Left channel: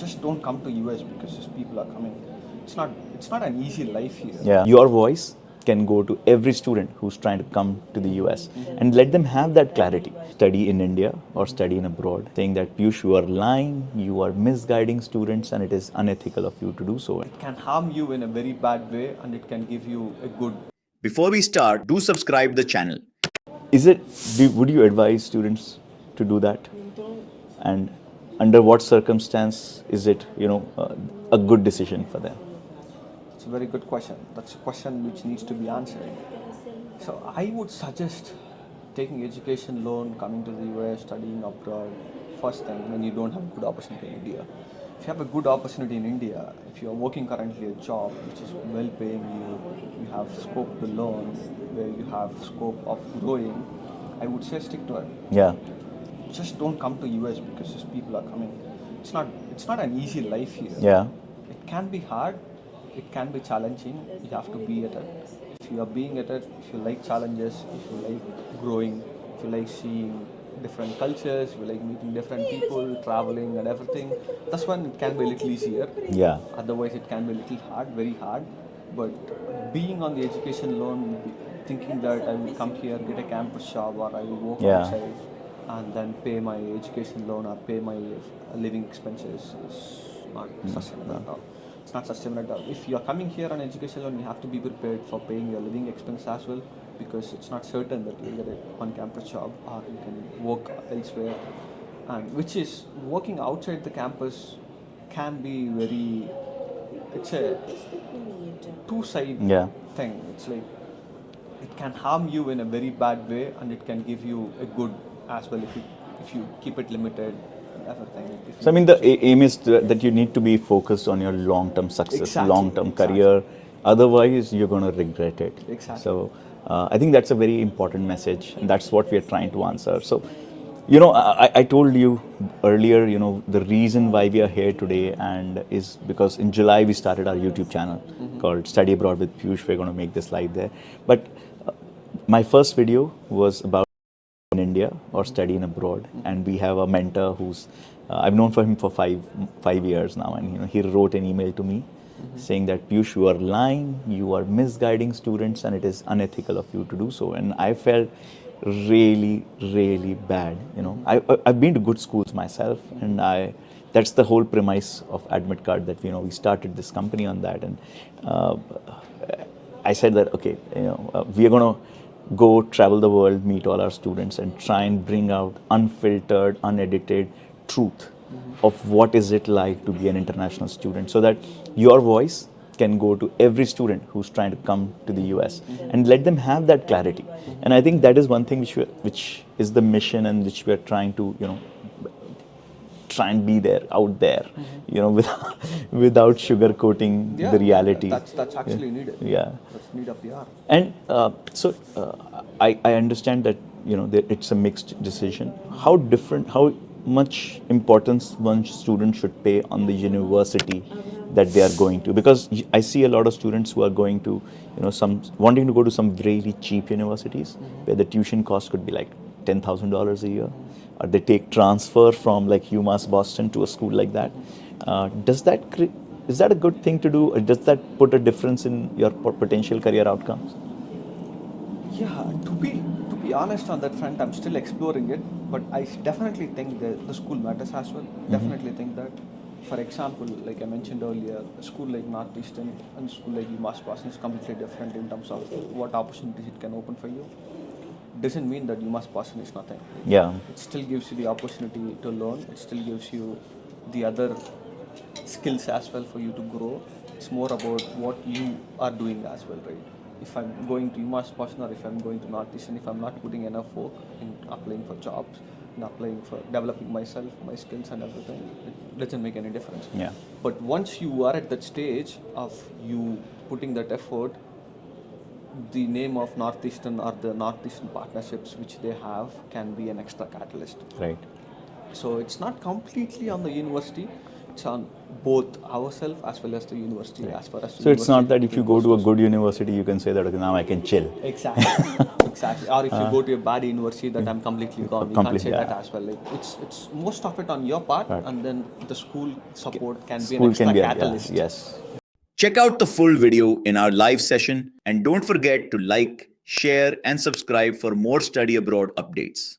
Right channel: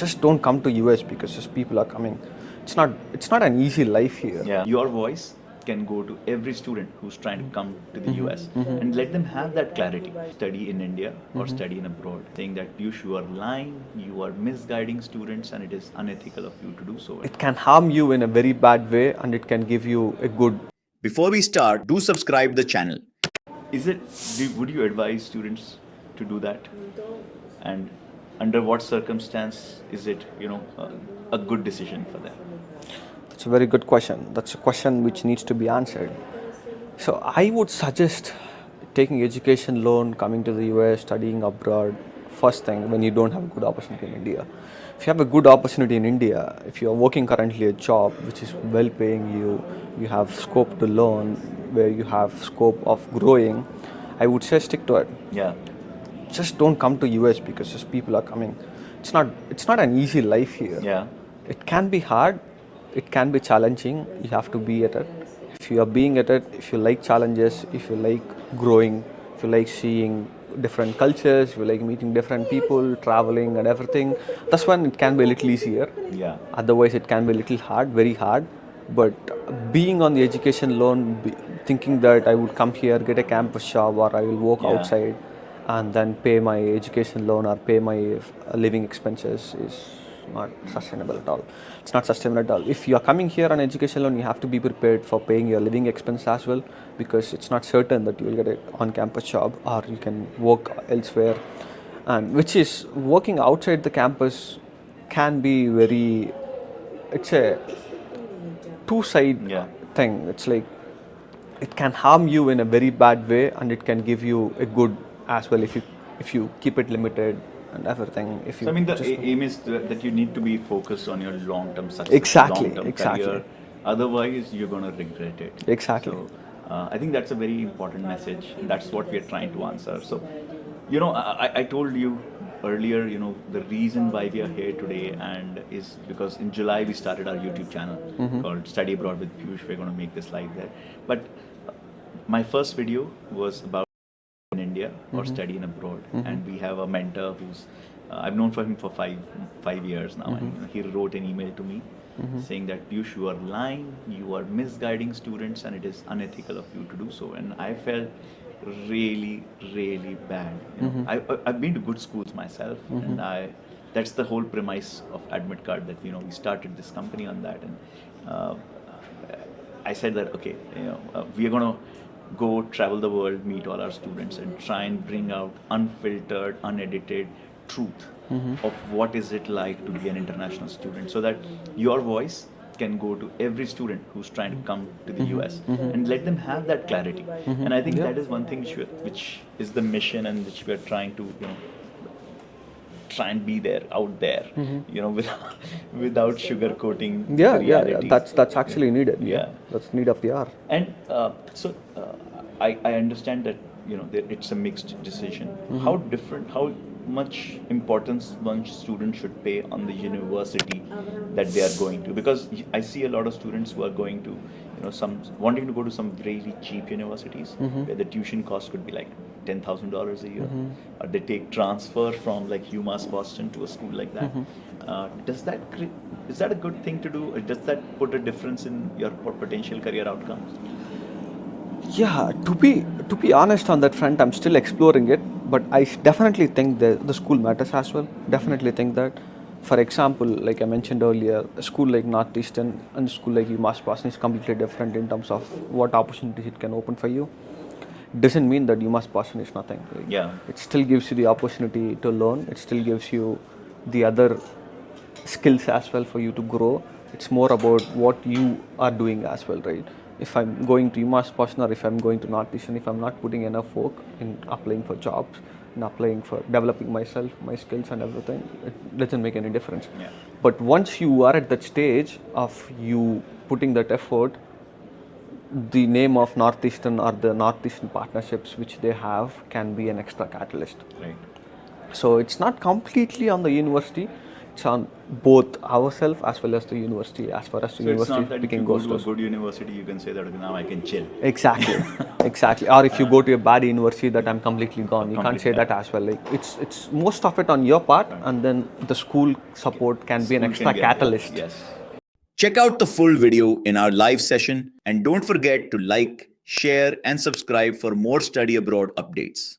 just don't come to US because just people are coming. It's not an easy life here. Yeah, your voice can go to every student who's trying to come to the US and let them have that clarity. Study in India or study in abroad, saying that Piyush, you are lying, you are misguiding students, and it is unethical of you to do so. It can harm you in a very bad way, and it can give you a good. Before we start, do subscribe the channel. Would you advise students to do that? And under what circumstance is it, a good decision for them? It's a very good question. That's a question which needs to be answered. So I would suggest taking education loan, coming to the US, studying abroad, first thing when you don't have a good opportunity in India. If you have a good opportunity in India, if you're working currently a job which is well paying you, you have scope to learn, where you have scope of growing, I would say stick to it. Yeah. Just don't come to US because just people are coming. It's not an easy life here. Yeah. It can be hard, it can be challenging, you have to be at it. If you are being at it, if you like challenges, if you like growing, if you like seeing different cultures, if you like meeting different people, traveling and everything, that's when it can be a little easier. Yeah. Otherwise it can be a little hard, very hard. But being on the education loan, thinking that I would come here, get a campus job, or I will work outside and then pay my education loan or pay my living expenses is not sustainable at all. It's not sustainable at all. If you are coming here on education loan, you have to be prepared for paying your living expense as well, because it's not certain that you will get an on-campus job or you can work elsewhere. And which is, working outside the campus can be very, it's a two-side thing. It's like, it can harm you in a very bad way, and it can give you a good as well if you keep it limited and everything. So I mean, the aim is that you need to be focused on your long-term success, long-term career. Otherwise, you're going to regret it. Exactly. So I think that's a very important message. That's what we are trying to answer. So, I told you earlier, the reason why we are here today and is because in July we started our YouTube channel called Study Abroad with Piyush. We're going to make this live there. But my first video was about in India or study in abroad, and we have a mentor who's I've known for him for five years now, and he wrote an email to me saying that Piyush, you are lying, you are misguiding students, and it is unethical of you to do so. And I felt really, really bad. I've been to good schools myself, and that's the whole premise of Admit Card, that we started this company on that. And I said that okay, we are going to go travel the world, meet all our students, and try and bring out unfiltered, unedited truth of what is it like to be an international student, so that your voice can go to every student who's trying to come to the US and let them have that clarity. And I think that is one thing which is the mission, and which we are trying to try and be there, out there, without sugarcoating the reality. That's actually needed. Yeah, that's need of the hour. And so I understand that it's a mixed decision. How much importance one student should pay on the university that they are going to? Because I see a lot of students who are going to wanting to go to some really cheap universities where the tuition cost could be like $10,000 a year, or they take transfer from like UMass Boston to a school like that. Is that a good thing to do, or does that put a difference in your potential career outcomes? Yeah, to be honest on that front, I'm still exploring it, but I definitely think that the school matters as well. Definitely think that. For example, like I mentioned earlier, a school like Northeastern and a school like UMass Boston is completely different in terms of what opportunities it can open for you. Doesn't mean that UMass Boston is nothing. Right? Yeah. It still gives you the opportunity to learn. It still gives you the other skills as well for you to grow. It's more about what you are doing as well, right? If I'm going to UMass Boston or if I'm going to Northeastern, if I'm not putting enough work in applying for jobs and applying for developing myself, my skills and everything, it doesn't make any difference. Yeah. But once you are at that stage of you putting that effort, the name of Northeastern or the Northeastern partnerships which they have can be an extra catalyst. Right. So it's not completely on the university. it's on both ourselves as well as the university, as far as the So it's university not that if you taking go to a courses. good university, you can say that, okay, now I can chill. Exactly, exactly. Or if you go to a bad university, that I'm completely gone. You can't Completely, say that yeah. as well. Like it's most of it on your part, and then the school support can be an School extra can be, catalyst. yes. Check out the full video in our live session and don't forget to like, share, and subscribe for more study abroad updates.